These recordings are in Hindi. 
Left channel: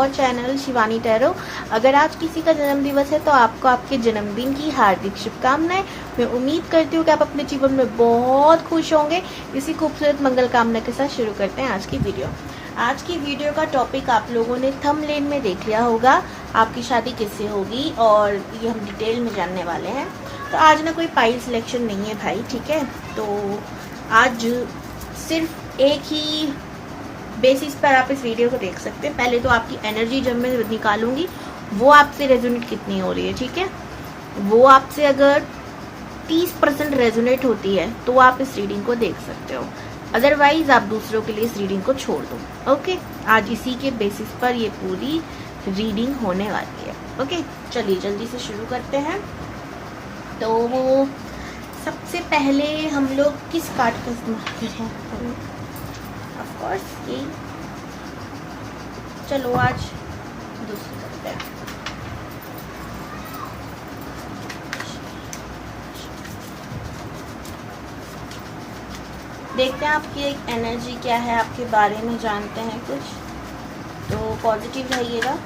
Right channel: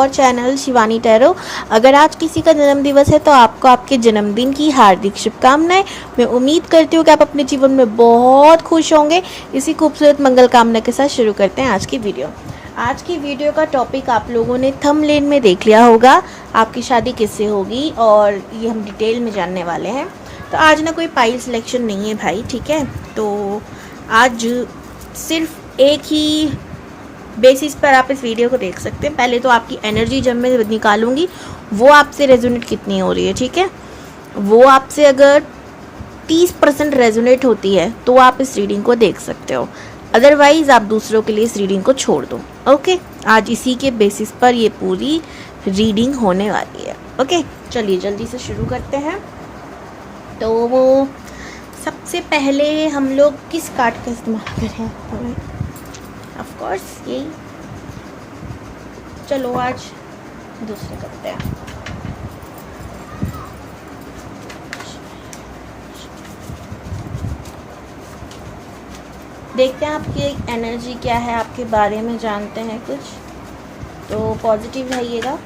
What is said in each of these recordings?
Your channel Shivani tarot. अगर आज किसी का जन्मदिवस है तो आपको आपके जन्मदिन की हार्दिक शुभकामनाएं। मैं उम्मीद करती हूँ कि आप अपने जीवन में बहुत खुश होंगे। इसी खूबसूरत मंगल कामना के साथ शुरू करते हैं आज की वीडियो। आज की वीडियो का टॉपिक आप लोगों ने थंबनेल में देख लिया होगा, आपकी शादी किससे होगी, और ये हम डिटेल में जानने वाले हैं। तो आज ना कोई पाइल सिलेक्शन नहीं है भाई, ठीक है। तो आज सिर्फ एक ही बेसिस पर आप इस वीडियो को देख सकते हैं। पहले तो आपकी एनर्जी जब मैं निकालूंगी वो आपसे रेजोनेट कितनी हो रही है, ठीक है। वो आपसे अगर 30% रेजोनेट होती है तो आप इस रीडिंग को देख सकते हो, अदरवाइज आप दूसरों के लिए इस रीडिंग को छोड़ दो। ओके, आज इसी के बेसिस पर ये पूरी रीडिंग होने वाली है। ओके, चलिए जल्दी से शुरू करते हैं। तो वो सबसे पहले हम लोग किस कार्ड का इस्तेमाल करें? ऑफ कोर्स यही। चलो आज दूसरा करते हैं। देखते हैं आपकी एक एनर्जी क्या है, आपके बारे में जानते हैं कुछ। तो पॉजिटिव रहिएगा।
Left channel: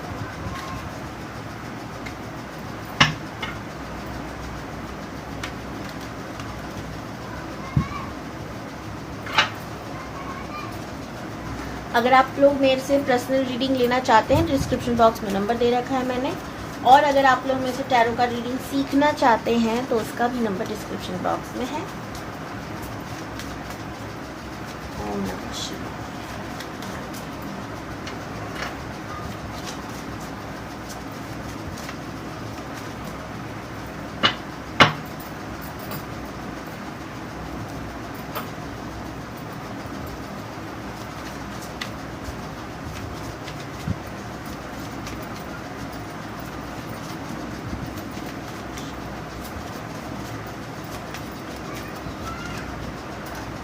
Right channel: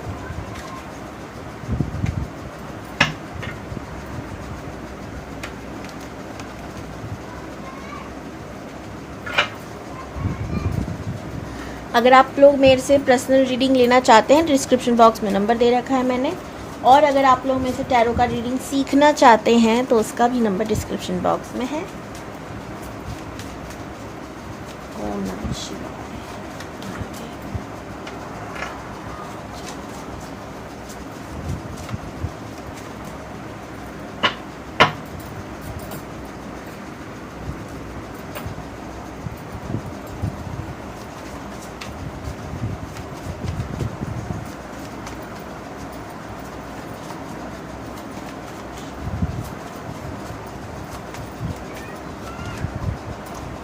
अगर आप लोग मेरे से पर्सनल रीडिंग लेना चाहते हैं, डिस्क्रिप्शन बॉक्स में नंबर दे रखा है मैंने। और अगर आप लोग मेरे से टैरो का रीडिंग सीखना चाहते हैं तो उसका भी नंबर डिस्क्रिप्शन बॉक्स में है। ओम नमः शिवाय।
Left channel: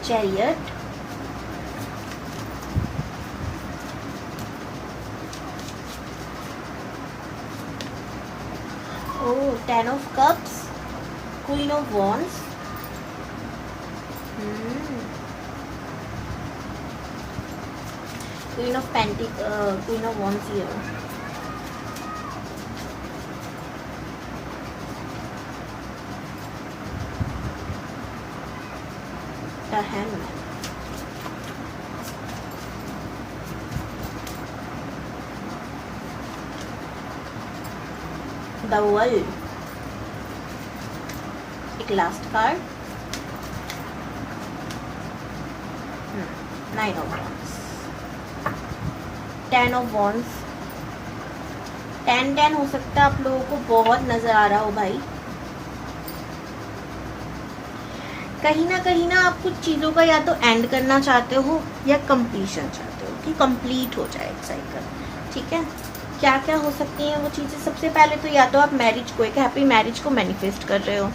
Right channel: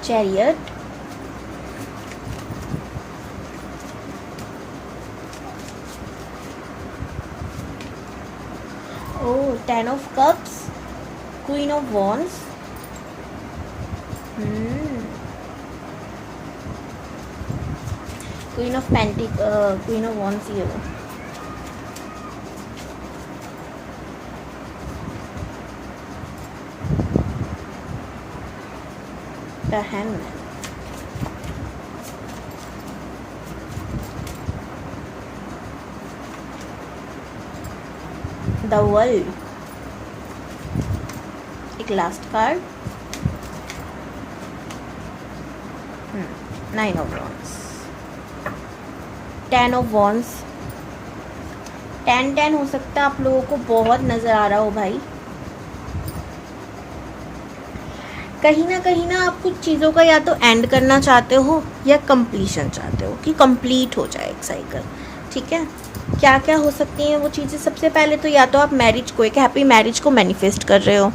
Chariot, oh, Ten of Cups, Queen of Wands, Queen of Pentacles, Queen of Wands here. The Hangman. The World. एक last card, 9 of Wands, 10 of Wands। 10 हो सकता है आप लोगों को बहुत नजर आ रहा हो भाई। कहीं ना आप कुछ चीज़ों का या तो एंड करना चाहते हो या कंप्लीशन चाहते हो कि कंप्लीट हो जाए एक साइकिल, ठीक है। क्या क्या हो सकती हैं वो चीज़ें? सबसे पहले तो या तो आप मैरिज को, एक हैप्पी मैरिज को मैनिफेस्ट कर रहे हो,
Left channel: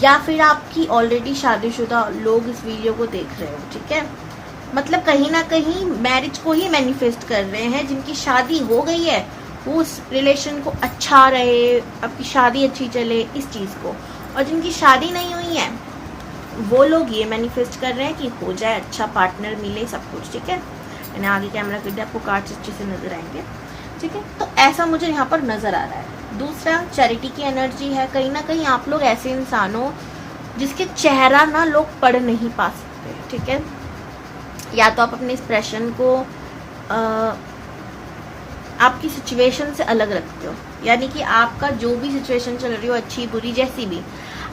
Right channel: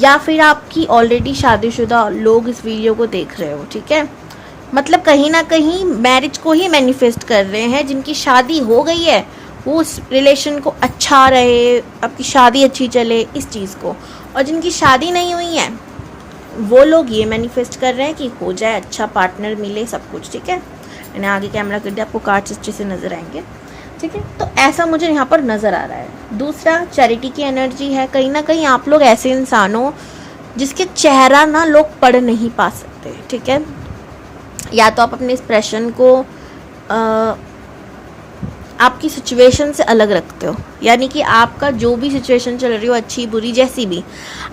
या फिर आपकी ऑलरेडी शादीशुदा लोग इस वीडियो को देख रहे हो, ठीक है। मतलब कहीं ना कहीं मैरिज को ही मैनिफेस्ट कर रहे हैं। जिनकी शादी हो गई है वो उस रिलेशन को अच्छा रहे, आपकी शादी अच्छी चले, इस चीज़ को। और जिनकी शादी नहीं हुई है वो लोग ये मैनिफेस्ट कर रहे हैं कि हो जाए, अच्छा पार्टनर मिले, सब कुछ, ठीक है। मैंने आगे कैमरा कर दिया, आपको कार्ड्स अच्छे से नजर आएंगे, ठीक है। तो ऐसा मुझे यहाँ पर नजर आ रहा है। दूसरा, चैरिटी की एनर्जी है। कहीं ना कहीं आप लोग ऐसे इंसान हो जिसके चेहरा ना लोग पढ़ नहीं पा सकते, ठीक है। या तो आप अपने एक्सप्रेशन को आपकी सिचुएशन से अलग रखते हो, यानी कि आपका जो भी सिचुएशन चल रही हो, अच्छी बुरी जैसी भी,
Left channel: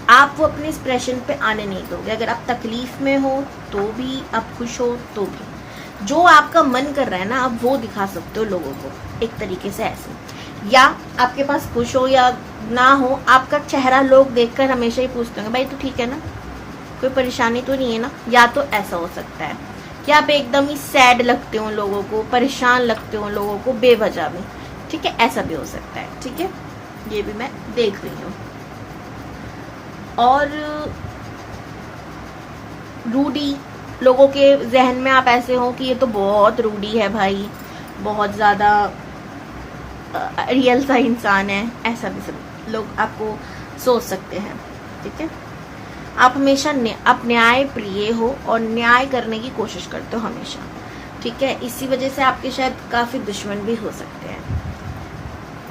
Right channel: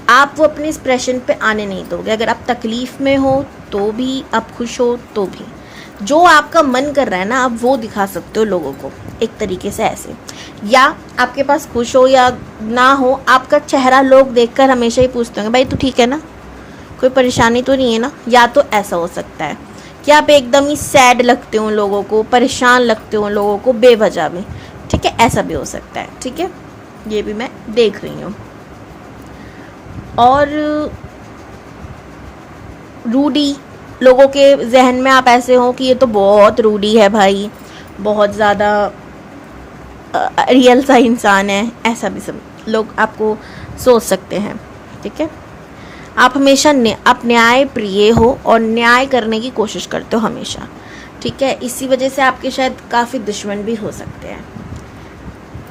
आप वो अपने एक्सप्रेशन पे आने नहीं दोगे। अगर आप तकलीफ में हो तो भी, आप खुश हो तो भी, जो आपका मन कर रहा है ना आप वो दिखा सकते हो लोगों को एक तरीके से ऐसे। या आपके पास खुश हो या ना हो, आपका चेहरा लोग देखकर हमेशा ही पूछते होंगे भाई तू ठीक है ना, कोई परेशानी तो नहीं है ना। या तो ऐसा हो सकता है कि आप एकदम ही सैड लगते हो लोगों को, परेशान लगते हो लोगों को बेवजह भी, ठीक है। ऐसा भी हो सकता है, ठीक है। ये भी मैं देख रही हूँ। और रूडी लोगों के जहन में आप ऐसे हो कि ये तो बहुत रूडी है भाई, बहुत ज़्यादा रियल सा इंसान है, ऐसा भी सब लोग आपको सोच सकते हैं, ठीक है। आप हमेशा आप न्याय प्रिय हो और न्याय करने की कोशिश करते हो हमेशा, ठीक है। इसी वजह से आपके शायद काफ़ी दुश्मन भी हो सकते हैं।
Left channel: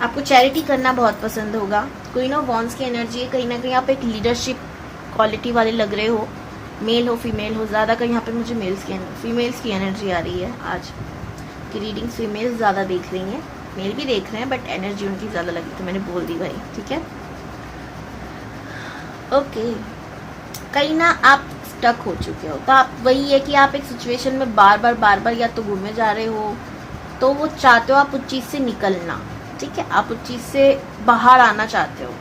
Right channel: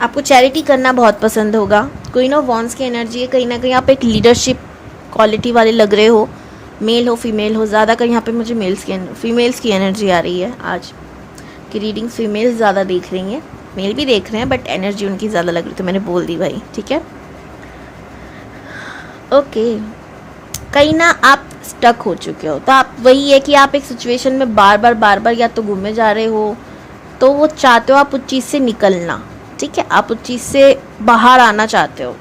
आपको चैरिटी करना बहुत पसंद होगा। क्वीन ऑफ वॉन्ड्स की एनर्जी है, कहीं ना कहीं आप एक लीडरशिप क्वालिटी वाले लग रहे हो, मेल हो फीमेल हो। ज़्यादा कहीं यहाँ पे मुझे फीमेल्स की एनर्जी आ रही है आज की रीडिंग। फीमेल्स ज़्यादा देख रही हैं, मेल भी देख रहे हैं, बट एनर्जी उनकी ज़्यादा लग रही, तो मैंने बोल दी भाई, ठीक है। ओके, कहीं ना आप स्टक हो चुके हो, तो आप वही है कि आप एक सिचुएशन में बार बार या तो घूमे जा रहे हो, तो वो चाहते हो आप उस चीज़ से निकलना, ठीक है। आप उस चीज़ से बाहर आना चाहते हो,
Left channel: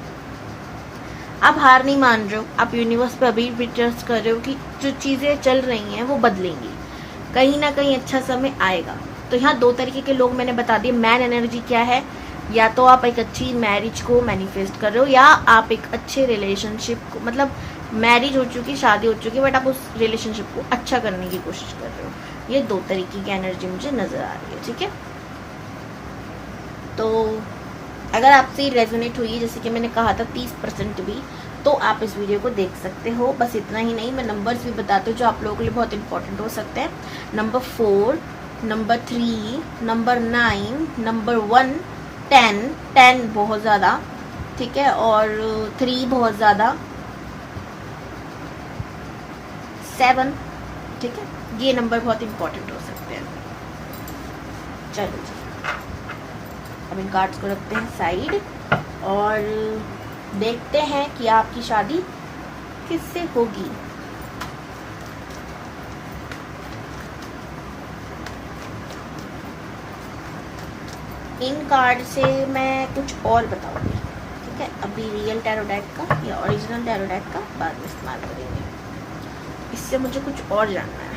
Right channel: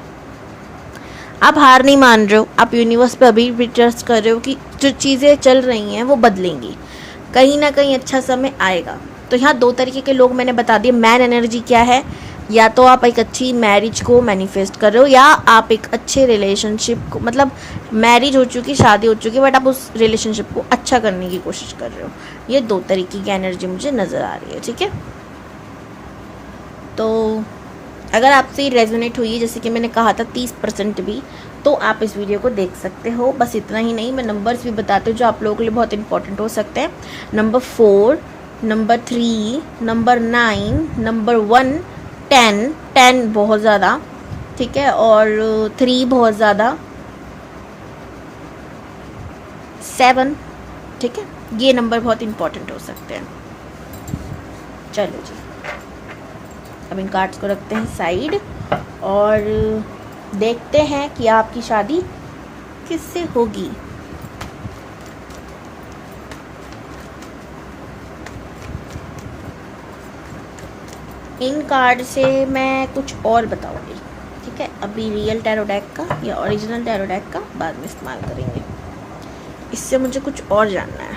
आप हार नहीं मान रहे हो, आप यूनिवर्स पे अभी भी ट्रस्ट कर रहे हो कि जो चीज़ें चल रही हैं वो बदलेंगी, कहीं ना कहीं अच्छा समय आएगा। तो यहाँ दो तरीके के लोग मैंने बता दिए। मैन एनर्जी क्या है, या तो आप एक अच्छी मैरिज को मैनिफेस्ट कर रहे हो, या आप एक अच्छे रिलेशनशिप को, मतलब मैरिज हो चुकी, शादी हो चुकी, बट आप उस रिलेशनशिप को अच्छा करने की कोशिश कर रहे हो। ये दो तरीके की एनर्जी मुझे नज़र आ रही है, ठीक है। तो अगर आपसे रेजोनेट हुई है, जैसे कि मैंने कहा था 30% भी, तो आप इस वीडियो को देख सकते हो। बस इतना ही नहीं, मैं नंबर्स भी बताती हूँ जो आप लोगों के लिए बहुत इंपॉर्टेंट हो सकते हैं। नंबर 4, नंबर 3, नंबर 9, नंबर 1, 10 बहुत ज़्यादा, ठीक है, और 3 बहुत ज़्यादा, 7, ठीक है। ये नंबर बहुत इंपॉर्टेंट हो सकते हैं। चलो जी, अब इन कार्ड्स को रखते हैं साइड और देखते हैं कि आपकी शादी किससे होगी। इन कार्ड से मैं कुछ और बताऊंगी, ठीक है। अभी रियल टैरो डेक का या ओरिजिनल टैरो डेक का बाद में इस्तेमाल करेंगे। इससे मुझे कुछ और जानना है।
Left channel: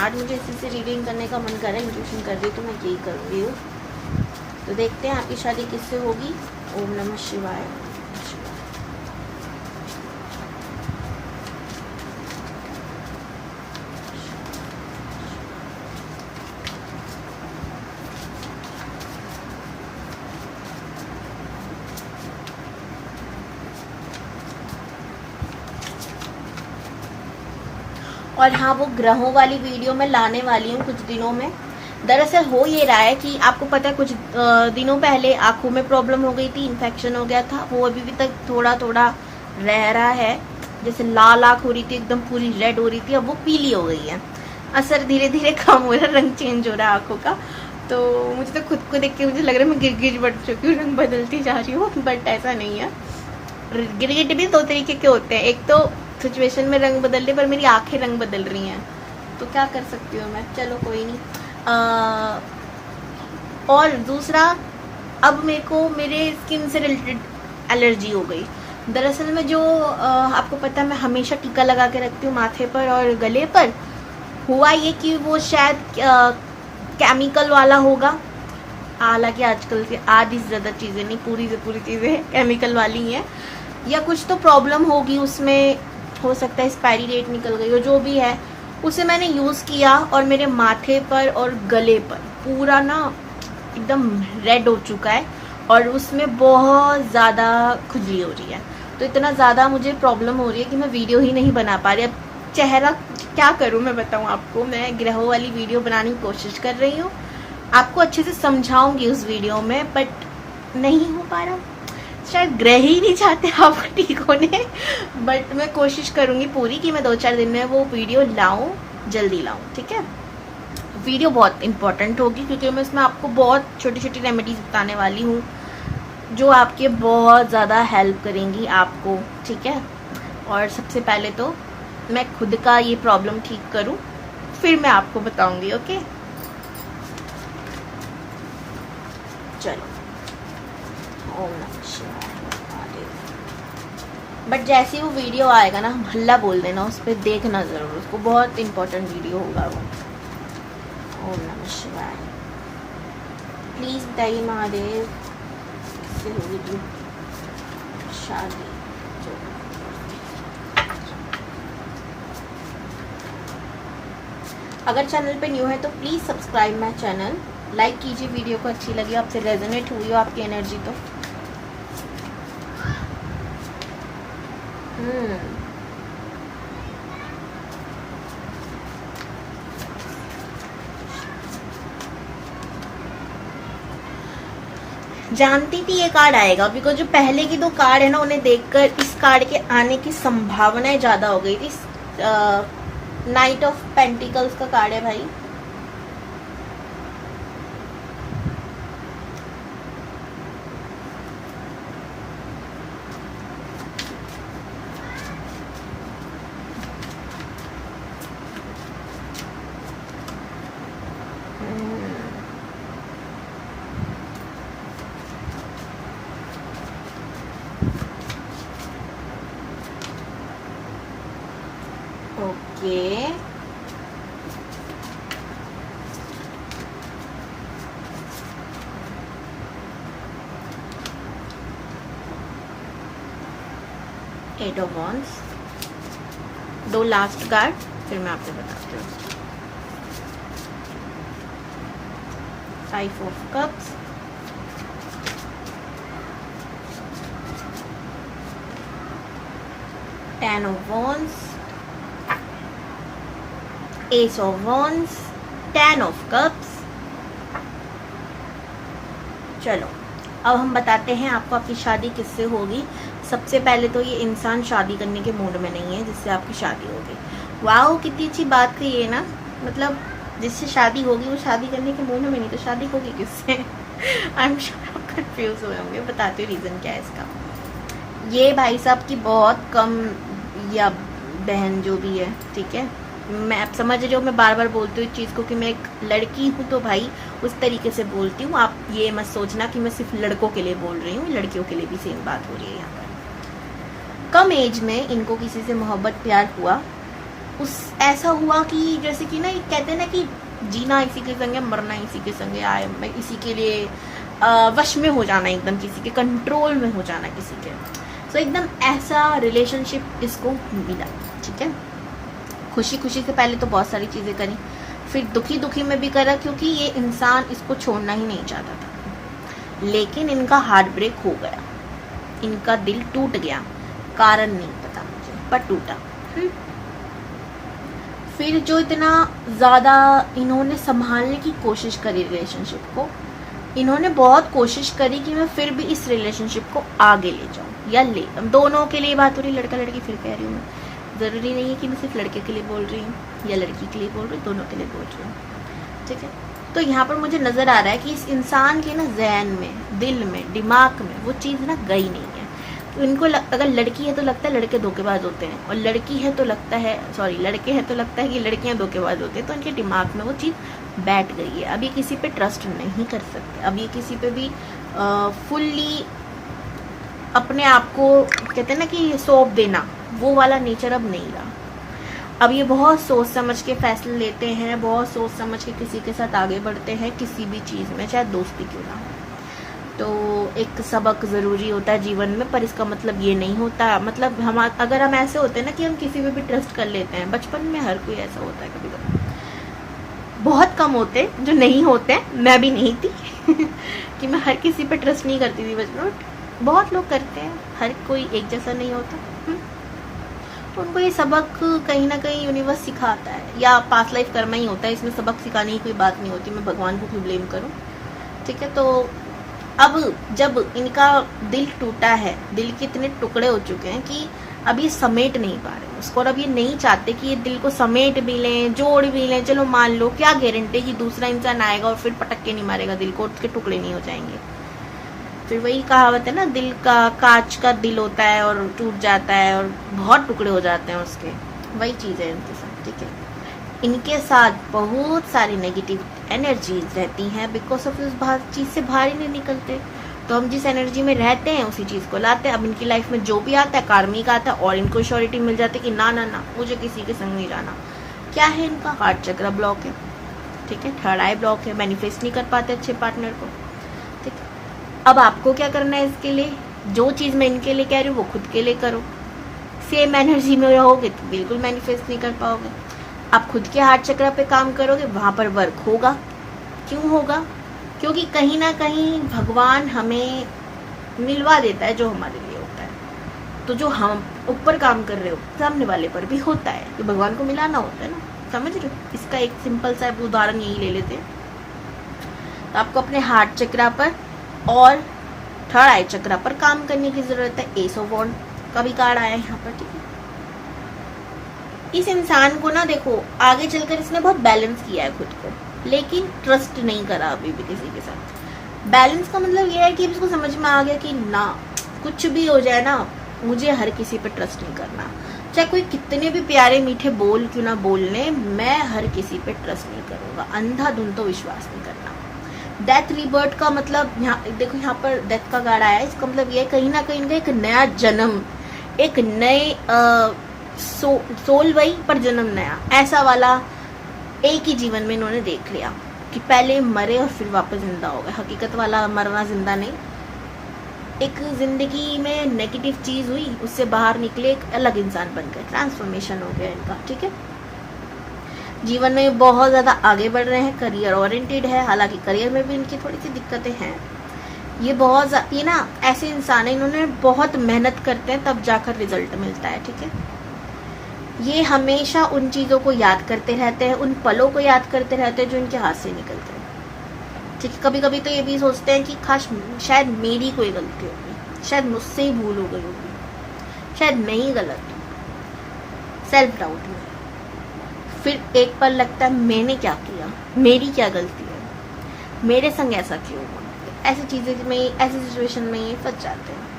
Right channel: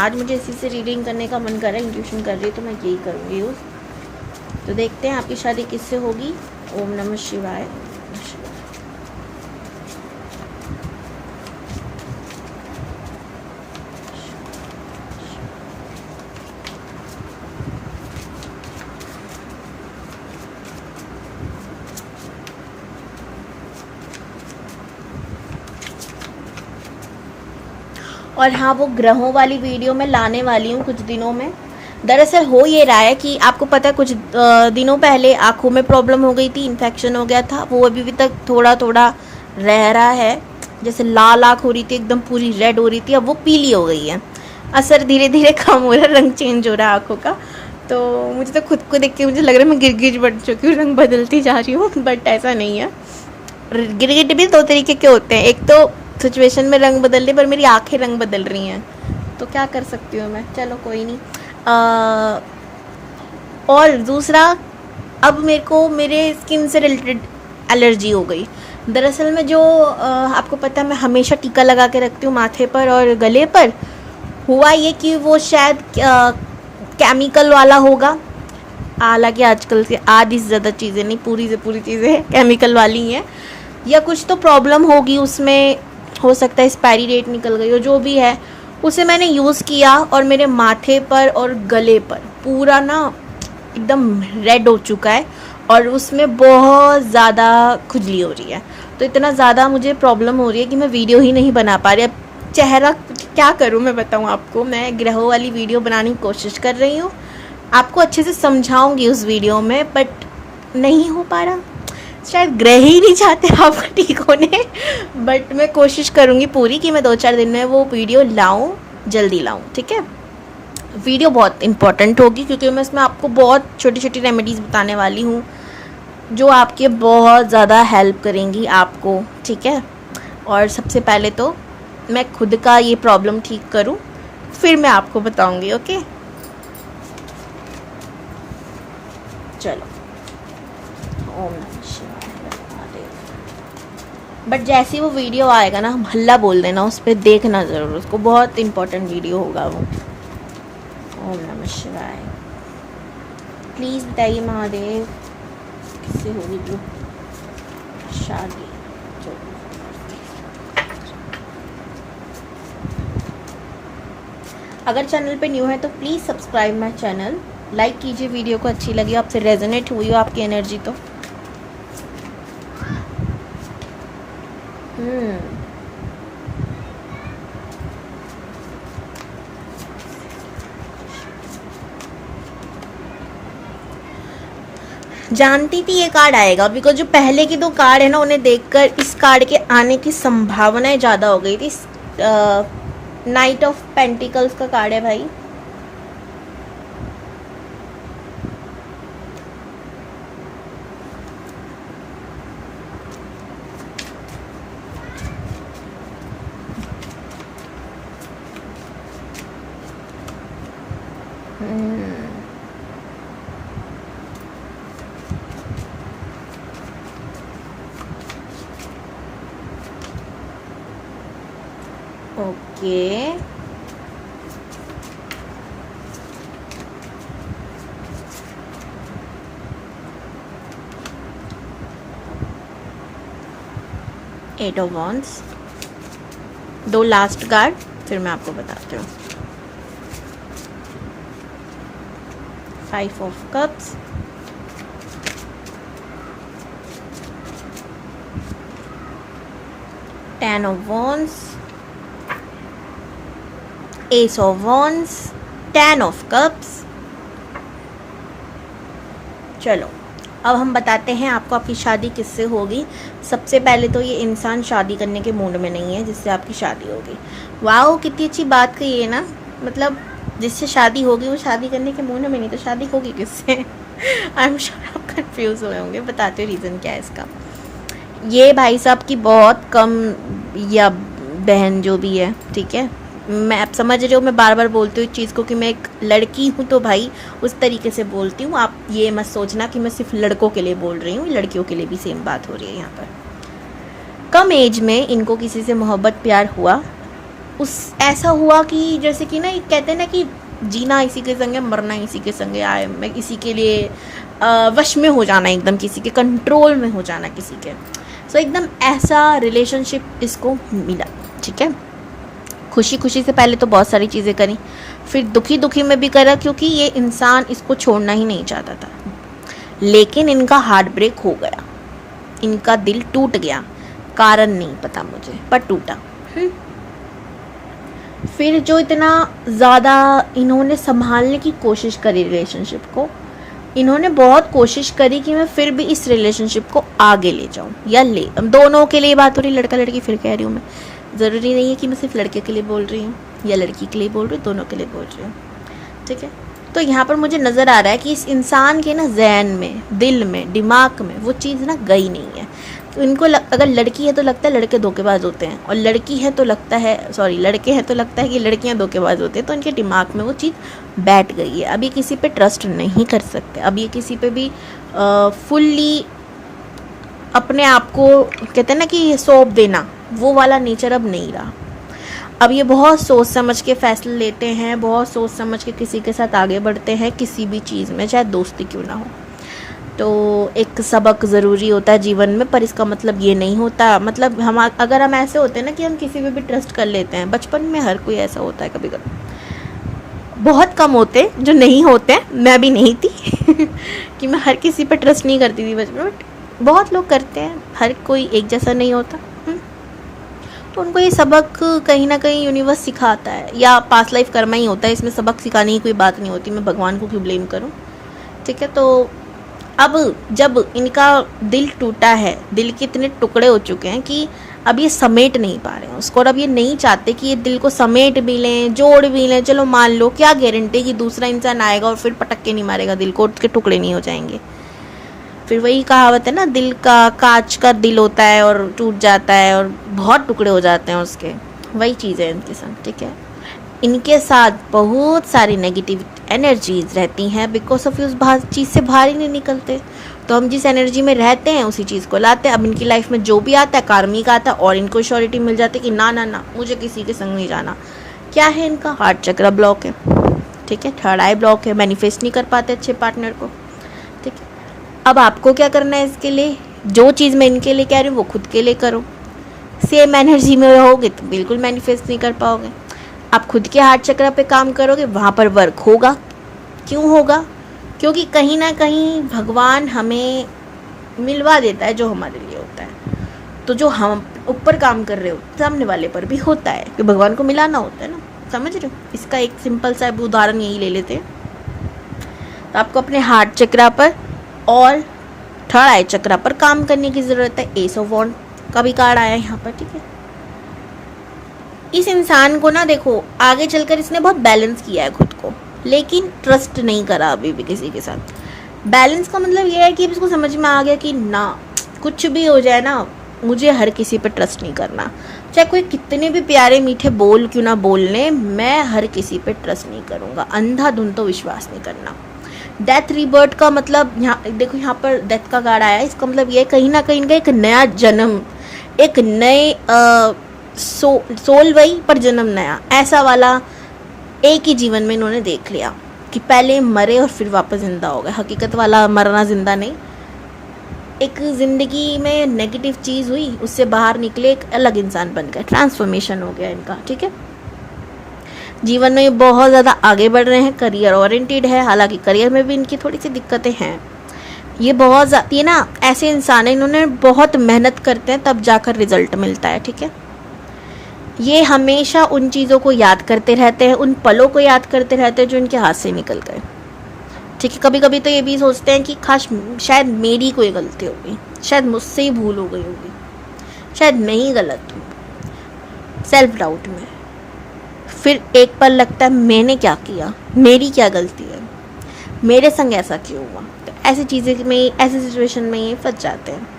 आज मुझे इसी से रीडिंग करने का मन कर रहा है, इंट्यूशन कर रही है, तो मैं यही करूँगी। तो देखते हैं आपकी शादी किससे होगी। ओम नमः शिवाय। और हाँ, वो ग्रहों वाली वीडियो मैं लाने वाली हूँ कुछ दिनों में। दरअसल हो ये रहा है कि आपको पता है, कुछ दिनों पहले आँखों में प्रॉब्लम हो गई थी, इन्फेक्शन हो गया था, वो अभी भी तक थोड़ा थोड़ा रह रहा है। जैसे लाल आँख हो रही थी, एकदम पूरी रेड हो रही थी, अब वो पीली हो गई है। असर धीरे धीरे कम हो रहा है, रंग चेंज हो रहा है आँखों का। तो मुझे तो खुद को देख के मुझे लग रहा है मैं गिरगिट बढ़ चुकी हूँ, रंग बदलती जा रही हूँ, बट ऐसा नहीं है। गिरगिट भी दो तरीके के होते हैं, एक तो सिचुएशन में रंग बदल रही, पर मेरी आंखें रंग बदल रही हैं, तो क्या कर सकती हूँ मैं। चलो कोई नहीं। और दूसरा, अब मेरे को मेरे स्किन से रिलेटेड एलर्जी हो गई। दरअसल में जो आपको पता है, मैं हमेशा टीका लगा के रखती हूँ माथे पर और गले पर। हुआ ये कि वो शायद केमिकल वाला होगा, हालांकि आजकल से आधी से ज़्यादा चीज़ें नहीं, पूरी से पूरी चीज़ें केमिकल वाली हैं, या कुछ तो प्रॉब्लम होगी उसमें, हो सकता है एक्सपायरी डेट निकल गई हो, जो भी है। उसे मैंने यूज़ किया और मेरे माथे पर और गले पर पूरा ना एकदम रेड हो चुका है, और उसमें बहुत ज़्यादा खुजली हो रही है। तो इतना ज़्यादा मुझे प्रॉब्लम हो रही है कि मैं वीडियो ही नहीं बना पा रही। अब चेहरा क्या करूँ मैं बताऊँ आपको। मैं ग्रहों वाली वीडियो बनाने की कोशिश कर रही हूँ, आपको अच्छे से समझाऊंगी उस वीडियो में, बट नहीं हो पा रहा। शायद ग्रह ही नहीं चाहते आप ठीक होने, बट मैं कोशिश करूँगी पूरी कि मैं 2-4 दिन में वो वीडियो लाऊं, जल्दी लाऊं, ठीक है। वीडियो बहुत इंपॉर्टेंट होगी क्योंकि मैं इसमें आपको बहुत छोटी छोटी रेमेडीज़ बताने वाली हूँ जो आपके बहुत ज़्यादा हेल्प करेंगी आपको, ठीक है। और सबसे पहले तो मैं खुद का ये प्रॉब्लम ठीक करूँ, फिर मैं आपको बताऊँगी, ओके। चलो, ओम नमः शिवाय। बट जैसे ही वो वीडियो आएगा ना, हल्ला बोल देना, उस पर देखना ज़रूर, उसको बहुत इंपॉर्टेंट वीडियो होगा वो। ओम नमः शिवाय। प्लीज़ बताइए महादेव, किससे होगी जो शादी। अगर चैनल पे न्यू है तो please subscribe my channel, like कीजिए वीडियो को, अच्छी लगी, आपसे रेजोनेट हुई हो आपकी एनर्जी तो। जानती थी ये कार्ड आएगा, बिकॉज जो पहले की दो कार्ड है ना उन्हें देखकर इस कार्ड के आने की संभावनाएं ज्यादा हो गई थी। नाइट ऑफ पेंटिकल्स का कार्ड है भाई। ओके, एट ऑफ वॉन्ड्स, दो लास्ट कार्ड फिर मैं आपको बताती हूँ। Five of cups, ten of wands, S of wands, ten of cups. चलो अब हम बताते हैं आपको आपकी शादी किससे होगी। सबसे पहले तो ये इंसान शादी करने के मूड में नहीं है जिससे आपकी शादी होगी। वाओ, कितनी अच्छी बात कही है ना, मतलब जिससे शादी होगी वो शादी करने के मूड में नहीं, तो शादी होगी किससे? आई एम श्योर आप कंफ्यूज हुए होंगे। बताते हो रीज़न क्या है इसका। ये भाई साहब की बहुत कम, या बहन जो भी है, ठीक है, मैं आप समझ रहे हो, मैं बार बार बोलती हूँ इस चीज़ को कि मैं एक लड़की हूँ तो भाई उस तरीके से बोलती हूँ। आप ये मत सोचना कि मैं सिर्फ लड़कों के लिए बोल रही हूँ, लड़कियों के लिए भी सेम बात हो रही है यहाँ पर। कम एज में इनको किसी से मोहब्बत प्यार हुआ, उस ऐसा हुआ कि जैसे कि ना कहते हैं ना कि जीना इसी के संगे मरना इसी के संगे आए, मैं इसी के लिए वश में हो जाना, एकदम किसी के कंट्रोल में हो जाना किसी के। सो एकदम ऐसा रिलेशनशिप इसको मिला, ठीक है। खुशी खुशी से पहले तो बहुत सारी चीज़ें करी, फिर दुखी दुखी में भी करा, क्योंकि ये इंसान इसको छोड़ना ही नहीं चाहता था। लेकिन इनका हार्ट ब्रेक हो गया, इनका दिल टूट गया, कारण नहीं पता मुझे, पर टूटा। फिर जो इतना ज़्यादा इन्होंने संभालने की कोशिश करी रिलेशनशिप को, इन्होंने बहुत कोशिश करी कि मैं फिर भी इस रिलेशनशिप को आगे ले जाऊं, या ले, दोनों के लिए बात हो रही, लड़का लड़की फिर कह रही हूँ मैं, ज़रूरी नहीं है कि मैं सिर्फ लड़के के लिए बोल रही हूँ या लड़की के लिए बोल रही हूँ, दोनों के लिए बोल रही हूँ, ठीक है। तो यहाँ पर मुझे नज़र आ रहा है कि इस इंसान के ना जहन में, दिल में, दिमाग में वो चीज़ ना गई नहीं है। तो इनको अगर लड़की है तो लगता है लड़के धोखेबाज होते हैं, और लड़की है तो लगता है, सॉरी लड़के हैं तो लगता है कि लड़कियाँ धोखेबाज होते हैं। तो इनके दिमाग में वो चीज़ बैठ गई है। अब ये किसी पे ट्रस्ट नहीं कर सकते, अब ये किसी पे भी फुल्ली अपने आप को, कहते हैं ना कि सौंप देना, वो वाला नेचर अब नहीं रहा। अब ये बहुत सोच समझ के फैसले लेते हैं, बहुत सोच समझ के किसी के साथ आगे बढ़ते हैं, किसी भी चीज़ में, चाहे दोस्ती क्यों ना हो। तो एक सबक ज़रूरी होता है जीवन में, पर इसका मतलब ये नहीं होता, मतलब हम अगर हम ऐसे होते हैं ना कि हम किसी पे भी ट्रस्ट कर लेते हैं, बचपन में हर कोई ऐसा होता है कभी कभी, बहुत कम होते जो नहीं होते हैं, मैं भी नहीं थी कि मैं हर किसी पे ट्रस्ट नहीं करती थी बचपन में, बहुत लोग करते हैं, हर कोई एक जैसा नहीं होता। तो उनको ये सबक कहीं ना कहीं यूनिवर्स सिखाता है, या पास्ट लाइफ कर्मा ही होता है, इसमें सबक सिखाने की कोई बात नहीं होती, मैं भगवान को क्यों ब्लेम करूं, ठीक है। तो अब जब इनका दिल टूटा है, दिल के इतने टुकड़े हो चुके हैं कि अब ये समेट नहीं पा रहे हैं उसको, और अब ये नहीं चाहते कि ये दिल को समेट भी लें, जोड़ भी लें। चलो मान लो, क्या गारंटी कि दूसरा इंसान आएगा और फिर पटक के नहीं मारेगा दिल को, उसके टुकड़े नहीं हो जाएंगे। फिर वही कहावत है ना, दिल का कांच का दिल होता है और टूट जाता है और बहुत टुकड़े हो जाते हैं उसके, वही चीज़ है इनके साथ, ठीक है। इनके साथ बहुत सारी नेगेटिव एनर्जीज रहती हैं, बिकॉज ऑफ उस चीज़ से बाहर ही नहीं निकलते। तो हम जिस एनर्जी में रहते हैं उसी चीज़ को लाते हैं। अब इनकी लाइफ में जो भी आता है कार्मिक आता है, और इनको श्योरिटी मिल जाती है कि ना ना ना मुझे किसी के संग नहीं जाना। क्या है इनका? हार्ट चक्र ब्लॉक है, ठीक है, थर्ड आई ब्लॉक है, मैनिफेस्ट नहीं कर पाते अच्छे पार्टनर को, ठीक है। अब आपको क्या करना है इसके लिए? जो चीज़ मैं इनके लिए कह रही हूँ वो खुद के लिए करो। सेम एनर्जी में रहोगे तो बिल्कुल मैनिफेस्ट नहीं कर पाओगे। आप खुद के हार्ट चक्र पे काम करोगे, वहाँ पर वर्क होगा। क्यों होगा? क्योंकि कहीं ना कहीं भगवान हमें मिलवा देता है जो हमारे लिए होता है। तो जो हम ऊपर काम कर रहे हो सामने वाले पर भी होता है, कि भगवान को मिलाना होता है ना, समझ रहे हो? इसका एक सिंपल सा उदाहरण यही ले लेते हैं। तो आपको अपने हार्ट चक्र पर और थर्ड आई चक्रा पर काम करने की जरूरत है। एस ऑफ वॉन्ड का भी कार्ड आया है यहाँ पर, ठीक है। इस इंसान को ना देखो आगे चलकर इसने बहुत बैलेंस किया है खुद को, लेकिन ट्रस्ट नहीं करा अभी भी किसी के साथ। बैलेंस का मतलब ये है कि इसको समझ में आ गया कि ना कुछ भी हो जाए ना, मुझे हर किसी पे ट्रस्ट नहीं करना, चाहे कोई कितने भी प्यारे मीठे बोल क्यों ना बोलने, मैं हर किसी पे ट्रस्ट नहीं करूँगा, अंधाधुंध तो विश्वास नहीं करना। डेथ रिबर्थ का मतलब यहाँ देखो, यहाँ पर डेथ का कार्ड आया है, इसका मतलब ये कहीं ना कहीं इनका एक नया जन्म, एक नए सोल वही पर जन्म नया, ऐसा वाला एक ही जीवन में इन्होंने देख लिया कि पहले मरे और फिर वापस जिंदा हो गए। हकीकत वाला मरना जिंदा नहीं, एक जिंदगी में नेगेटिव चीज़ हुई, उससे बाहर निकले, एक अलग इंसान बन गए, ट्रांसफॉर्मेशन हो गया इनका, ठीक है। जीवन में बहुत ज़्यादा आगे बढ़ रहे हैं, करियर ओरिएंटेड है, हालांकि करियर में भी इनकी थोड़ी सी दिक्कतें हैं। ये बहुत ज़्यादा, ये ना ऐसे इंसान है, इन्होंने बहुत मेहनत करते हैं तब जाकर रिजल्ट मिलता है, ठीक है। ये हमेशा उन चीज़ों को याद करते रहते हैं, उन पलों को याद करते रहते हैं जो इनके हाथ से निकल गए, ठीक है। कभी कभी तो ये भी सोचते हैं कि काश शायद मेरी कोई गलती होगी, शायद मुझसे ही भूल हो गई होगी, शायद नहीं गलत हूँ, सेल्फ डाउट में। फिर एक पल लगता है मैंने क्या किया, मेरी क्या गलती है, मेरे संग ऐसा क्यों हुआ। तो ऐसी चीज़ें में, ऐसी सिचुएशन में ये फंस जाते हैं।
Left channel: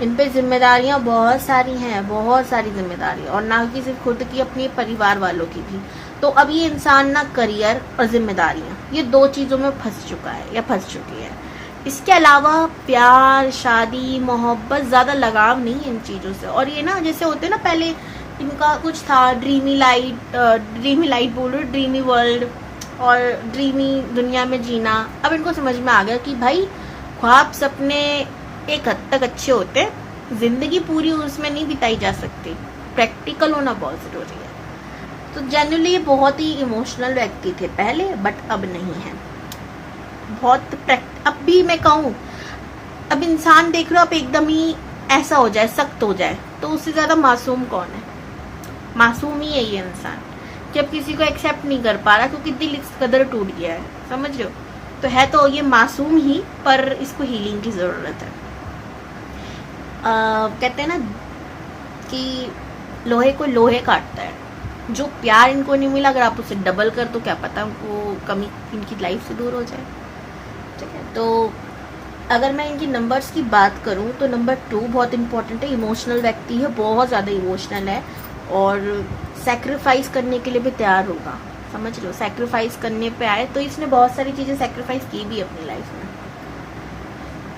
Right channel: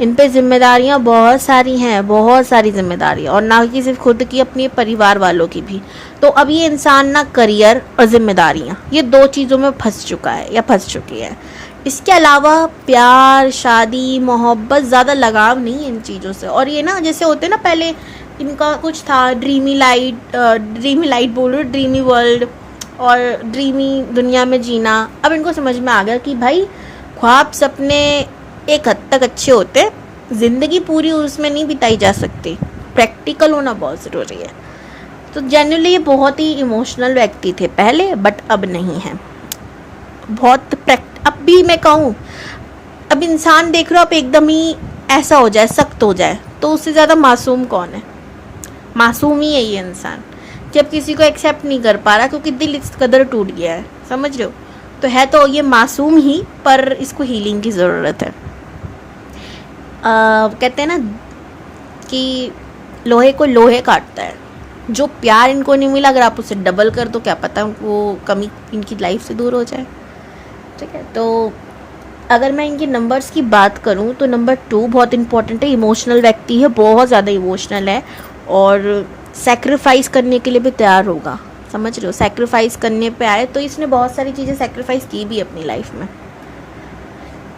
इन पे जिम्मेदारियाँ बहुत सारी हैं, बहुत सारी जिम्मेदारियाँ, और ना कि सिर्फ खुद की, अपने परिवार वालों की भी। तो अब ये इंसान ना करियर और जिम्मेदारियाँ, ये दो चीज़ों में फंस चुका है या फंस चुकी है। इसके अलावा प्यार, शादी, मोहब्बत, ज़्यादा लगाव नहीं है इन चीज़ों से। और ये ना जैसे होते ना, पहले इनका कुछ था ड्रीमी लाइट बोलो, ड्रीमी वर्ल्ड और ड्रीमी दुनिया में जीना। अब इनको समझ में आ गया कि भाई ख्वाब सपने एक हद तक अच्छे होते हैं, ज़िंदगी पूरी उसमें नहीं बिताई जा सकती, प्रैक्टिकल होना बहुत ज़रूरी है। तो जनरली ये बहुत ही इमोशनल व्यक्ति थे पहले, बट अब नहीं है, बहुत अब भी मैं कहूँ, अब इंसान देख रहे हो, आप एकदम ही ऐसा हो जाए, सख्त हो जाए, तो उससे ज़्यादा मासूम कौन है। मासूम ही है ये इंसान, जब किसी को एक्सेप्ट नहीं कर पा रहा क्योंकि दिल इस कदर टूट गया है, समझ रहे हो। तो है तो ये मासूम ही, पर इसको हीलिंग की ज़रूरत है। कहते हैं ना कि लोहे को लोहे काटता है। जो प्यार इनको नहीं मिला, अगर आप उसे डबल कर दो, क्या पता वो कमी इनकी लाइफ से दूर हो जाए, ठीक है। तो अगर मैं इनके नंबर्स की बात करूं तो नंबर 2 बहुत इंपॉर्टेंट है। इमोशनल व्यक्ति है, बहुत ज़्यादा इमोशनल है, और सैक्रिफाइस करने के लिए भी तैयार होगा, समझ रहे हो। सैक्रिफाइस करने पे आए तो इसने बहुत सारी चीज़ें सैक्रिफाइस की भी अपनी लाइफ में,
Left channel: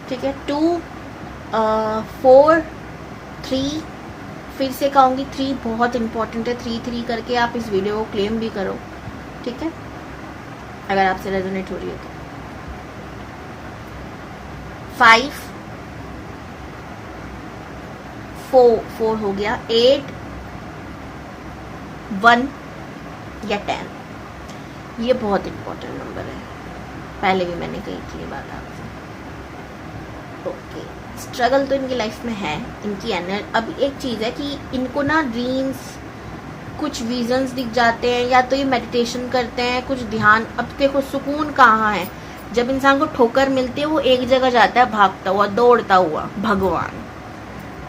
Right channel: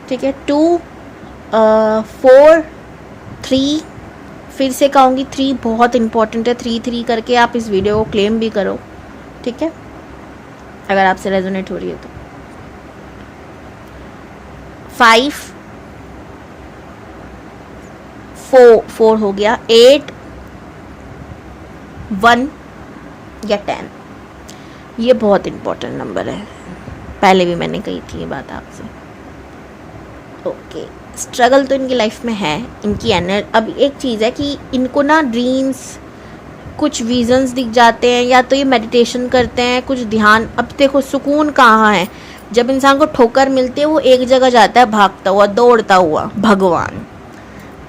ठीक है। 2 4 3, फिर से कहूँगी 3 बहुत इंपॉर्टेंट है। 3 करके आप इस वीडियो को क्लेम भी करो, ठीक है, अगर आपसे रेजोनेट हो रही है तो। 5 4 हो गया, 8 1 या 10, ये बहुत इंपॉर्टेंट नंबर है, पहले भी मैंने कही थी ये बात आपसे। ओके, स्ट्रगल तो इनकी लाइफ में है, इनकी अब एक चीज़ है कि इनको ना ड्रीम्स, कुछ विजन्स दिख जाते हैं, या तो ये मेडिटेशन करते हैं, कुछ ध्यान। अब देखो सुकून कहाँ है, जब इंसान को ठोकर मिलती है वो एक जगह जाता है भागता हुआ, दौड़ता हुआ, भगवान।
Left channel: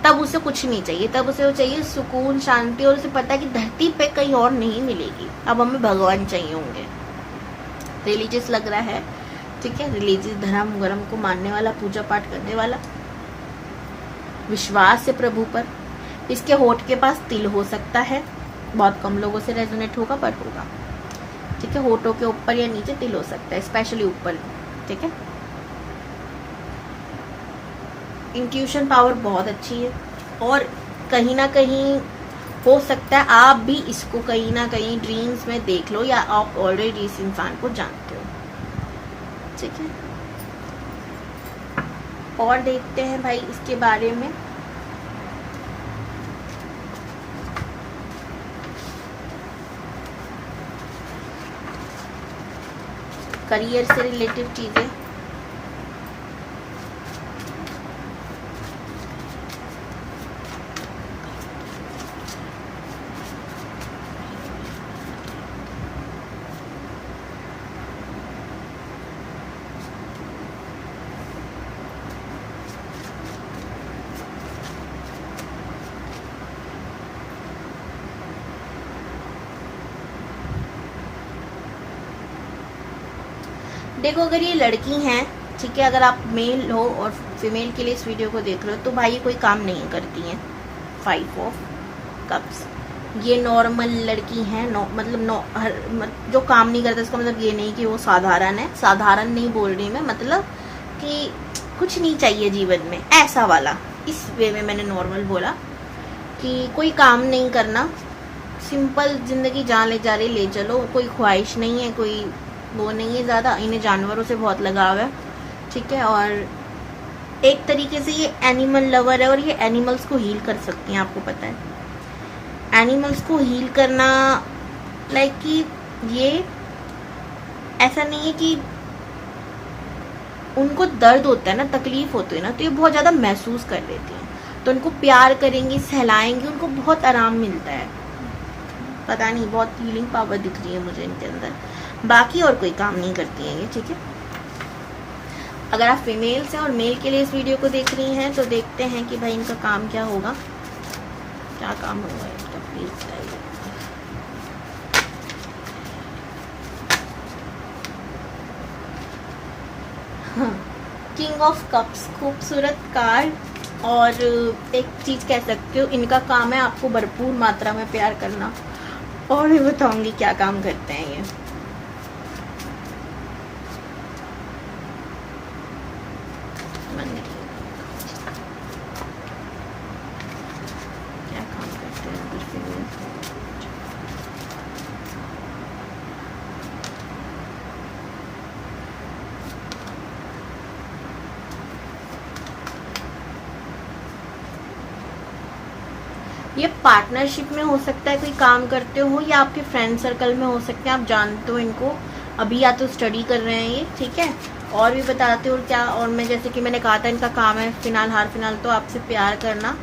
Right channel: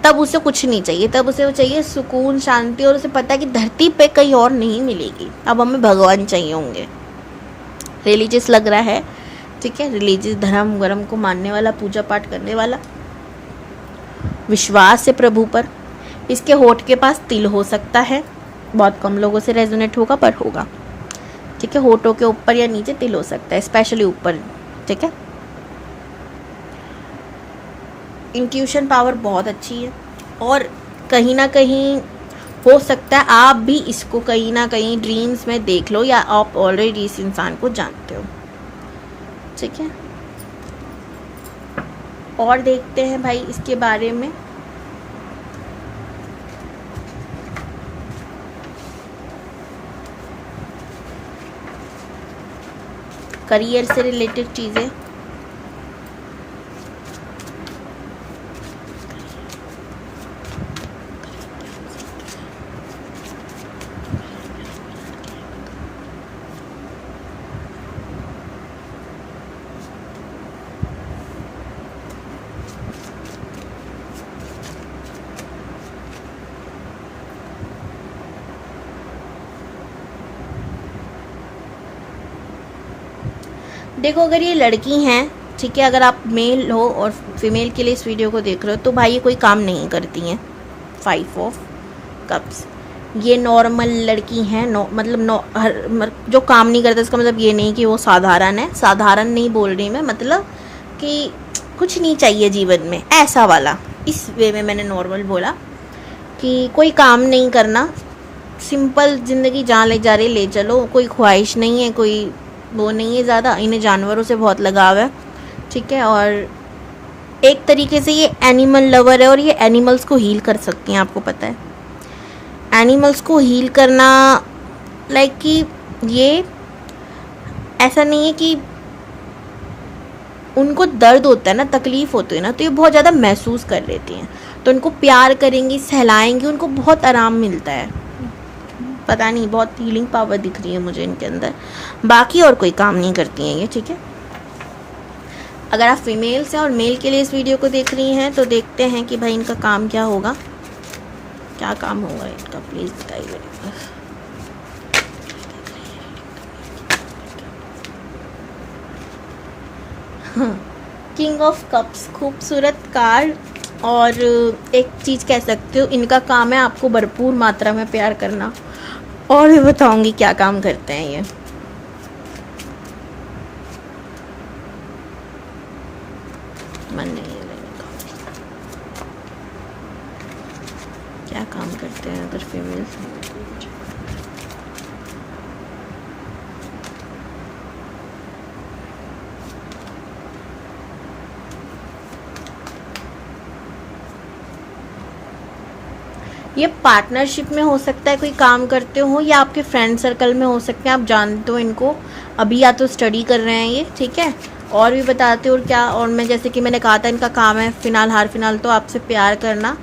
तब उसे कुछ नहीं चाहिए, तब उसे चाहिए सुकून, शांति, और उसे पता है कि धरती पे कहीं और नहीं मिलेगी, अब हमें भगवान चाहिए होंगे। रिलीजियस लग रहा है, ठीक है, रिलीजियस, धर्म वर्म को मानने वाला, पूजा पाठ करने वाला, विश्वास है प्रभु पर। इसके होठ के पास तिल हो सकता है, बहुत कम लोगों से रेजोनेट होगा पर होगा, ठीक है। होठों के ऊपर या नीचे तिल हो सकता है, स्पेशली ऊपर, ठीक है। इंट्यूशन पावर बहुत अच्छी है, और कहीं ना कहीं हो सकता है आप भी इसको कहीं ना कहीं ड्रीम्स में देख लो, या आप ऑलरेडी इस इंसान को जानते हो, ठीक है। और देखते हैं भाई इसके बारे में। करियर से रिलेटेड चीज़ें, देखो अगर ये लड़की हैं, ठीक है, अगर आप मेल हो और फीमेल के लिए इस वीडियो को देख रहे हो, तो भाई ये कोई काम नहीं करती हैं। 5 ऑफ कप्स, ये नॉर्मल लड़की हैं। जो काम नहीं करता इसका मतलब ये नहीं कि वो साधारण है। साधारण नहीं बोल रही मैं, मतलब कि कुछ नहीं चाहिए जीवन में, ऐसा वाला। इस वे में मैंने नॉर्मल बोला कि कोई काम नहीं करना, सिंपल ज़िंदगी जहाँ ले जा रही ले चलो, कोई ख्वाहिश नहीं है, कोई वो नहीं है ज़्यादा। इन्हें जानवरों से बहुत लगाव है, ठीक है, और एक तरीके से ये एनिमल लवर है और ये एनिमल्स को हील कर सकती हैं। आपको पता है एनिमल्स को हील करना, लाइक कि ये ऐसा नहीं है कि उनको दर्द होता है ना, तकलीफ होती है ना, तो ये बहुत ज़्यादा महसूस कर लेती हैं। तो उनको प्यार करेंगी, सहलाएंगी, उनको बहुत आराम मिलता है। पता नहीं, बहुत हीलिंग पावर दिख रही है मुझे इनके अंदर। बाकी और कोई काम नहीं करती हैं ये, ठीक है। अगर आप फीमेल्स हैं और मेल के लिए इस वीडियो को देख रही हैं, तो देखते हैं कि भाई इनका काम क्या होगा, क्या काम होगा इनका, प्लीज़ बताइए। किंग ऑफ कप्स, खूबसूरत कार्ड। और एक चीज़ कह सकते हो, इनका काम है आपको भरपूर मात्रा में प्यार करना। और मैं बताऊंगी क्या काम करते हैं ये। मन नहीं, क्या काम करते हैं अदर फीमेल्स। ये पार्टनरशिप में हो सकता है कोई काम करते हो, या आपके फ्रेंड सर्कल में हो सकते हैं, आप जानते हो इनको। अभी या तो स्टडी कर रहे हैं ये, ठीक है। और भी बताते हो और क्या। और मैं जैसे कि मैंने कहा था इनका काम है फिलहाल तो आपसे प्यार करना,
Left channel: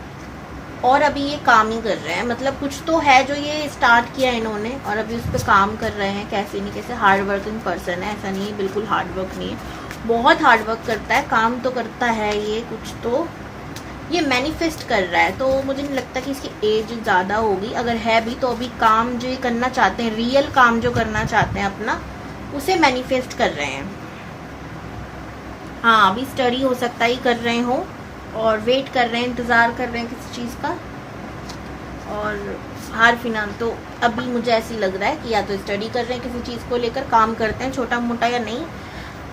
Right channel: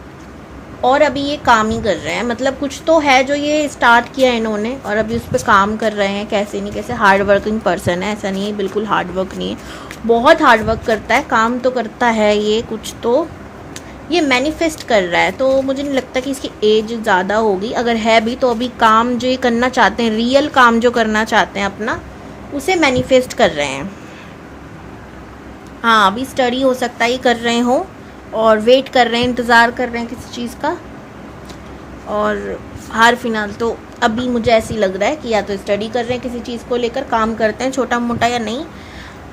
और अभी ये काम ही कर रहे हैं। मतलब कुछ तो है जो ये स्टार्ट किया है इन्होंने और अभी उस पर काम कर रहे हैं। कैसे नहीं कैसे, हार्ड वर्किंग पर्सन है, ऐसा नहीं है बिल्कुल हार्ड वर्क नहीं है, बहुत हार्ड वर्क करता है, काम तो करता है ये। कुछ तो ये मैनिफेस्ट कर रहा है, तो मुझे नहीं लगता कि इसकी एज ज़्यादा होगी। अगर है भी तो अभी काम जो ये करना चाहते हैं, रियल काम जो करना चाहते हैं अपना, उसे मैनिफेस्ट कर रहे हैं। हाँ, अभी स्टडी हो सकता है कर रहे हो और वेट कर रहे हैं, इंतज़ार कर रहे हैं किसी चीज़ का। और हार फिलहाल तो अभी मुझे ऐसी लग रहा है कि या तो स्टडी कर रहे हैं, किसी चीज़ को लेकर काम करते हैं, छोटा मोटा या नहीं।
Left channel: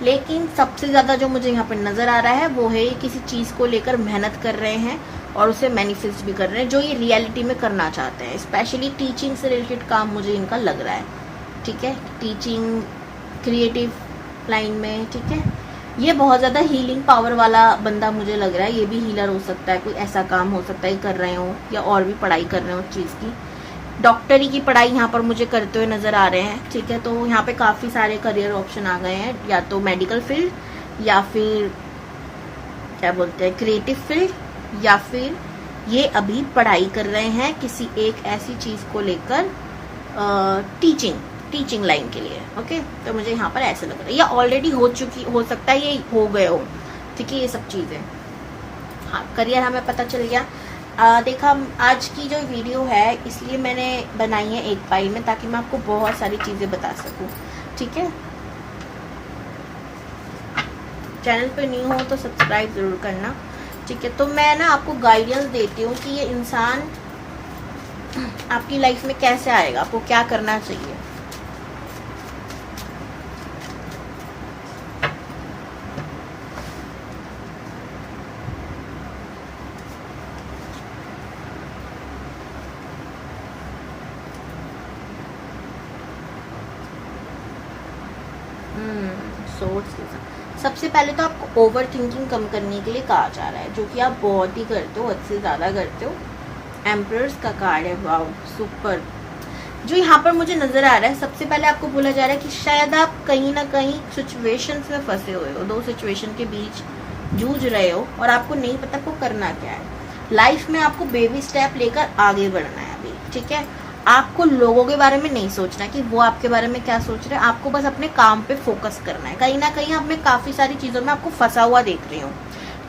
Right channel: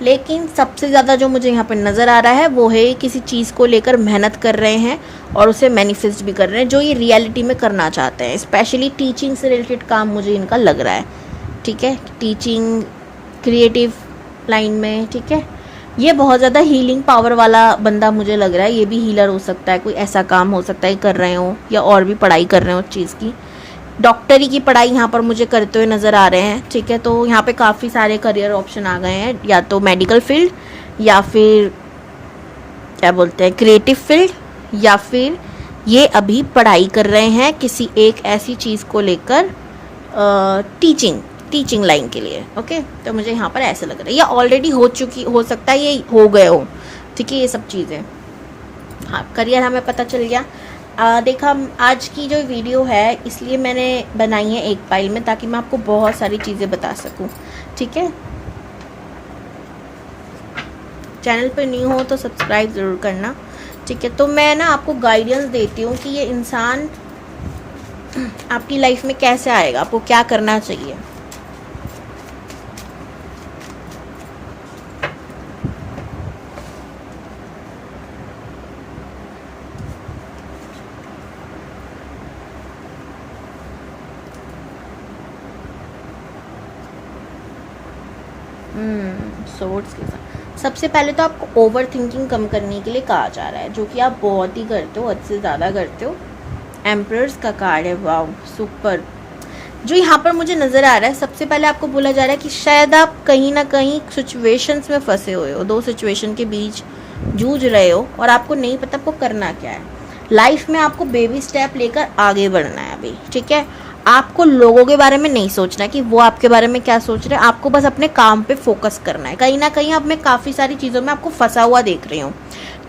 लेकिन सबसे ज़्यादा जो मुझे यहाँ पर नज़र आ रहा है वो है किसी चीज़ को लेकर मेहनत कर रहे हैं और उसे मैनिफेस्ट भी कर रहे हैं, जो ये रियलिटी में करना चाहते हैं। स्पेशली टीचिंग से रिलेटेड काम मुझे इनका लग रहा है, ठीक है, टीचिंग, क्रिएटिव लाइन में, ठीक है। ये बहुत ज़्यादा हीलिंग पावर वाला बंदा मुझे लग रहा है। ये भी हीलर हो सकता है, कोई ऐसा काम हो सकता है कर रहे हो, या और भी पढ़ाई कर रहे हो उस चीज़ की। डॉक्टरी की पढ़ाई यहाँ पर मुझे करते हुए नज़र आ रहे हैं, ठीक है। तो यहाँ पे काफ़ी सारे करियर ऑप्शन आ गए हैं, या तो मेडिकल फील्ड, या फिर क्या बोलते हैं क्रिएटिव फील्ड, या फिर ये अभी पढ़ाई कर रहे हैं किसी एक ऐसी चीज़ को लेकर, टीचिंग लाइन के लिए। ओके, तो मुझे यहाँ पर ऐसा लग रहा है, या ऑलरेडी हो सकता है ये हो गए हो, ठीक है, ये सब चीज़ें। हाँ, करियर हमें पता चल गया। देखा, आज की जो वीडियो है इसलिए मैंने बनाई है एक फाइल में, ताकि मैं आपको बहुत सारी चीज़ें बता सकूं, ठीक है। चैनल पर न्यू हो तो सब्सक्राइब ज़रूर करना, ठीक है। तो मैं ना आपको गाइडेंस देती हूँ कि ये इंसान आपकी लाइफ में कैसे आएगा, आपको क्या करना चाहिए। सोर्स के साथ सबसे पहले तो आपको ओवर थिंकिंग कम करने के लिए कहा जा रहा है, जो कि आप बहुत ही करते हो, हद से ज़्यादा करते हो। एम्परर्स का कार्ड है, वाओ सुपर। जो यहाँ पर मुझे नज़र आ रहा है, सबसे पहले आपको बोला जा रहा है कि शायद आप कहीं ना कहीं सिचुएशंस में फंसे हुए हो, दो सिचुएशन के बीच जूझ रहे हो और आपको नहीं पता आपको करना क्या है। लाइफ में आपको बेबी स्टेप लेकर आगे बढ़ना है अभी, ठीक है। आपको लोगों के बारे में नहीं सोचना कि वो आपके बारे में क्या सोच रहे हैं, आपको बस अपने काम पे फोकस करना है। कहीं ना कहीं अब मैं काफ़ी सारी चीज़ों में आपको फंसा हुआ देख रही हूँ।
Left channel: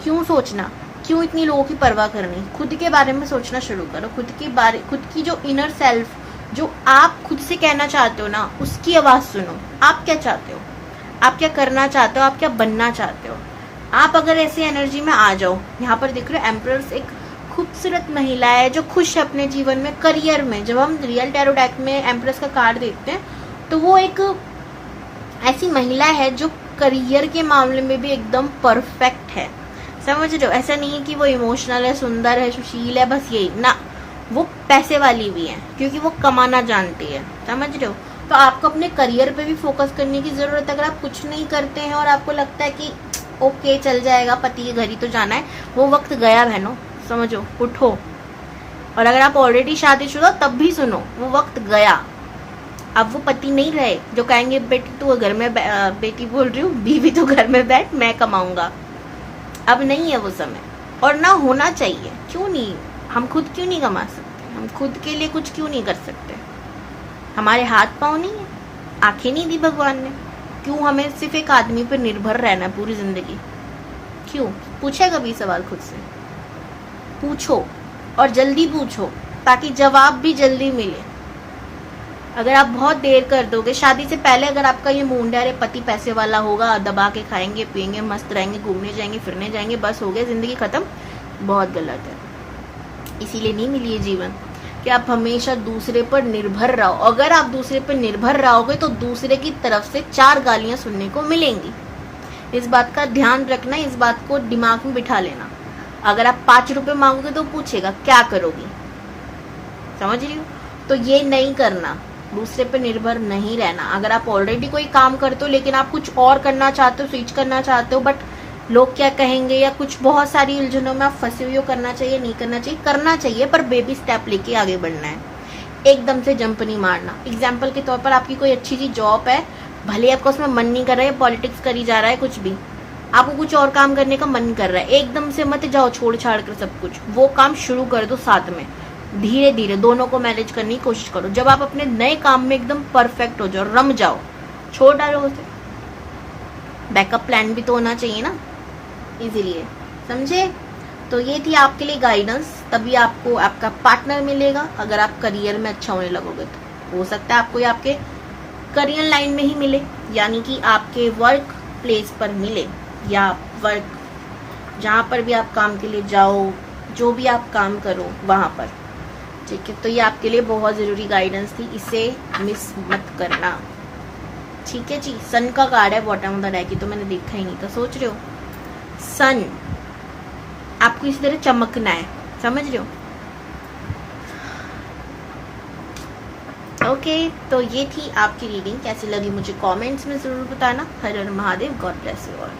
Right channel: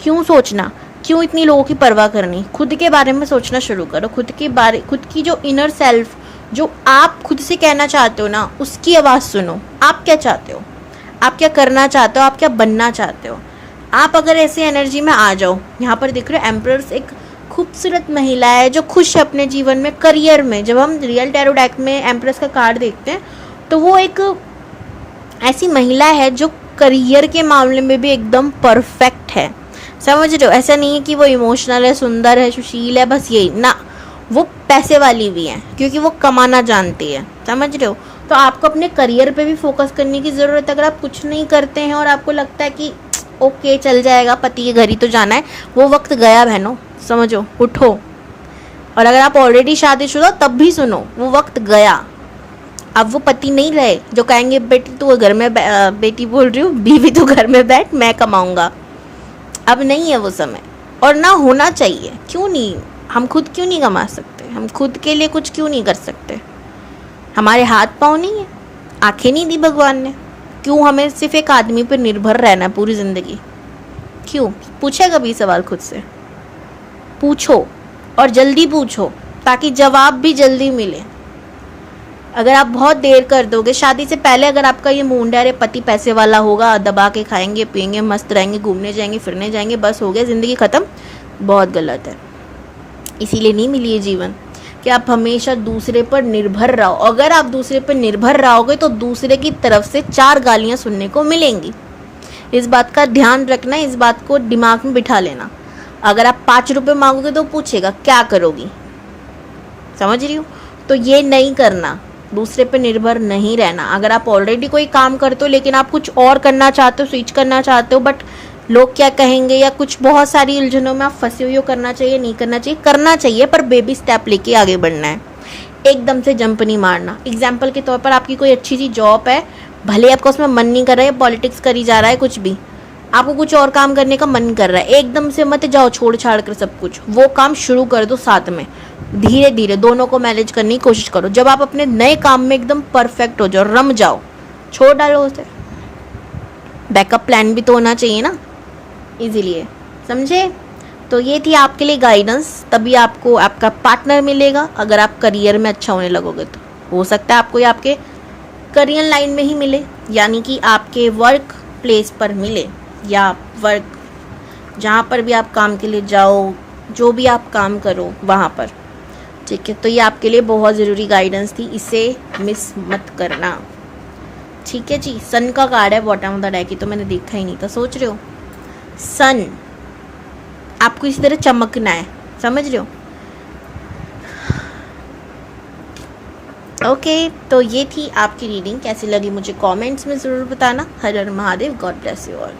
क्यों सोचना, क्यों इतनी लोगों की परवाह करनी, खुद के बारे में सोचना शुरू करो। खुद की जो इनर सेल्फ, जो आप खुद से कहना चाहते हो ना, उसकी आवाज़ सुनो। आप क्या चाहते हो, आप क्या करना चाहते हो, आप क्या बनना चाहते हो। आप अगर ऐसी एनर्जी में आ जाओ, यहाँ पर देख रहे हो एम्परर्स एक खूबसूरत महिला है जो खुश है अपने जीवन में, करियर में। जब हम रियल टैरो डेक में एम्प्रेस का कार्ड देखते हैं तो वो एक ऐसी महिला है जो करियर के मामले में भी एकदम परफेक्ट है, समझ रहे हो। ऐसा नहीं है कि वो इमोशनल है, सुंदर है, सुशील है, बस यही ना, वो पैसे वाली भी है क्योंकि वो कमाना जानती है, समझ रहे हो। तो आपको अपने करियर पे भी फोकस करने की ज़रूरत है। अगर आप कुछ नहीं करते हैं और आपको लगता है कि ओके चल जाएगा, पति के घर ही तो जाना है, वो वक्त गया बहनों, समझो, उठो। और अगर आप ऑलरेडी शादीशुदा तब भी सुनो, वो वक्त गया। अब वो पति नहीं रहे जो कहेंगे बेटी तू घर में बेटी बोल रही हूँ, बीवी तो घर में बैठ, मैं कमाऊंगा। अब नहीं है वो समय, और ना होना चाहिए। क्यों नहीं, हम खुद क्यों नहीं कमा सकते, हम खुद के लिए कुछ क्यों नहीं कर सकते। हमारे हाथ पाँव नहीं है, आंखें नहीं दी भगवान ने, क्यों हमें सिर्फ एक आदमी पर निर्भर रहना पूरी जिंदगी। क्यों, पूछा कभी सवाल खुद से? पूछो, और जल्दी पूछो ताकि जवाब भी जल्दी मिले। अगर आप बहुत देर कर दोगे, शादी से पहले अगर आपका ये मूड है अरे पति पैसे वाला होगा, दबा के खाएंगे पिएंगे, मस्त रहेंगे, घूमने जाएंगे फिरने जाएंगे, बस हो गया जिंदगी खत्म, बहुत गलत है। इसीलिए नहीं मिली ये जीवन कि आप हमेशा दूसरे पर निर्भर रहो। अगर आप दूसरे पर निर्भर रहोगे तो दूसरे की तरफ से 4 गालियां सुनने को मिलेंगी। इस बात का ध्यान रखना, इस बात को दिमाग में बिठा लेना। अगर आप 5 रुपए मांगोगे तो पूछेगा क्या करोगी, समझ रही हो। तो ये नहीं करना, दूसरे पे निर्भर नहीं रहना। अगर आप ऑलरेडी कोई काम करते हो लेकिन आप कुछ और करना चाहते हो, स्विच करना चाहते हो, बट लोग क्या कहेंगे या कुछ बहुत सारी उलझनों में आप फंसे हुए हो, करना चाहिए नहीं करना चाहिए, करना चाहिए पर बेबी स्टेप लेके आगे बढ़ना है, एकदम से जंप नहीं मारना। एग्जाम्पल के तौर पर आपकी कोई अच्छी सी जॉब है, भले आपका उसमें मन नहीं कर रहा है, पॉलिटिक्स करी जा रहा है, कुछ भी आपको कुछ और काम करने का मन कर रहा है, एकदम से मत जाओ छोड़ छाड़ कर सब कुछ, वो काम शुरू कर दो साथ में, धीरे धीरे दोनों को मैनेज करने की कोशिश करो। जब आप अपने नए काम में एकदम परफेक्ट हो जाओ, रम जाओ, छोड़ डालो उसे। बैकअप प्लान भी तो होना चाहिए ना, इसीलिए, समझे। तो ये थी आपके लिए गाइडेंस, तभी आपको आपका पार्टनर मिलेगा। अगर आप करियर में अच्छा होने लगोगे तो हो सकता है आपको ये आपके करियर लाइन में ही मिले, यानी कि आपके वर्क प्लेस पर मिले, या वर्क जहाँ पर भी आप काम के लिए जाओ, जो भी आप काम करो वहाँ पर, ठीक है। तो ये आपके लिए बहुत ज़रूरी गाइडेंस थी, इसे मिस मत करना, ठीक है जी। सन का कार्ड है बॉटम ऑफ द डेक की, तो मैंने देखा ही नहीं था, सोच रहे हो सन आपको इसी तरह चमकना है, समझ रहे हो। ओके, तो ये थी आपकी रीडिंग, कैसी लगी मुझे कमेंट्स में ज़रूर बताना। Har Har Mahadev, God bless you all.